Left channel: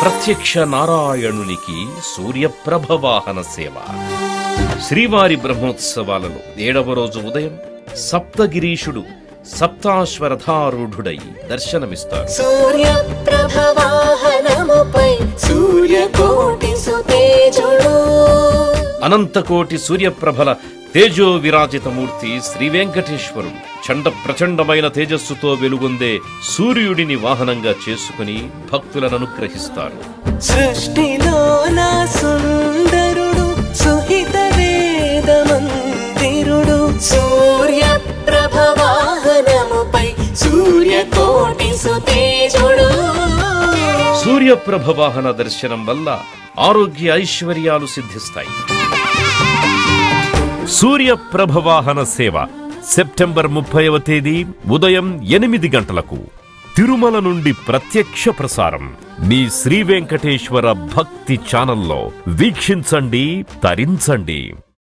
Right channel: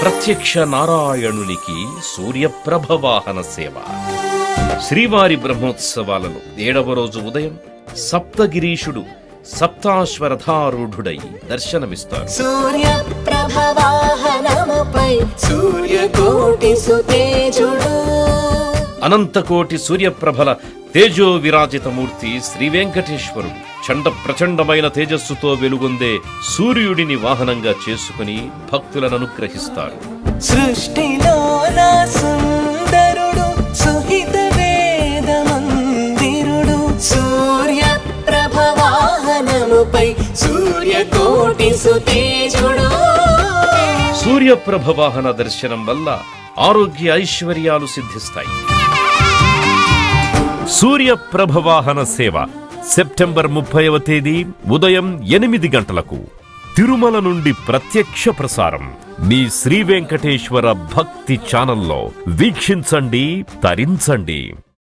ప్రత్యక్ష నారాయణునికి సూర్యప్రభ వాహన సేవ. శ్రీవారి బ్రహ్మోత్సవాలలో 7వ రోజు ఉదయం సప్తగిరీషుడు సప్తాశ్వరథారూఢుడై దర్శనమిస్తారు. సూర్యప్రభ వాహనముపై సూర్యకోటి సుతేజుడు. అనంతకోటి సూర్యప్రభల తేజో విరాజితమూర్తి శ్రీ వెంకటేశ్వరుడు చండ ప్రచండమైన తేజస్సుతో వెలుగొందే సూర్యుడిని వాహనంగా చేసుకుని భక్తులను అనుగ్రహిస్తారు. సృష్టిలోన సుందరుడు సుహిత వేద మందిరుడు. సూర్యప్రభ వాహనముపై సూర్యకోటి సుతేజుడు. సూర్యప్రభ వాహన దర్శనం వల్ల ఆరోగ్య ఐశ్వర్యాలు సిద్ధిస్తాయి. సూర్యప్రభ వాహన సేవ సెప్టెంబర్ 30వ తేదీ ఉదయం 8 గంటలకు తిరుమల నుండి ప్రత్యక్ష ప్రసారం మీ శ్రీ వెంకటేశ్వర భక్తి ఛానల్లో వీక్షించండి, తరించండి.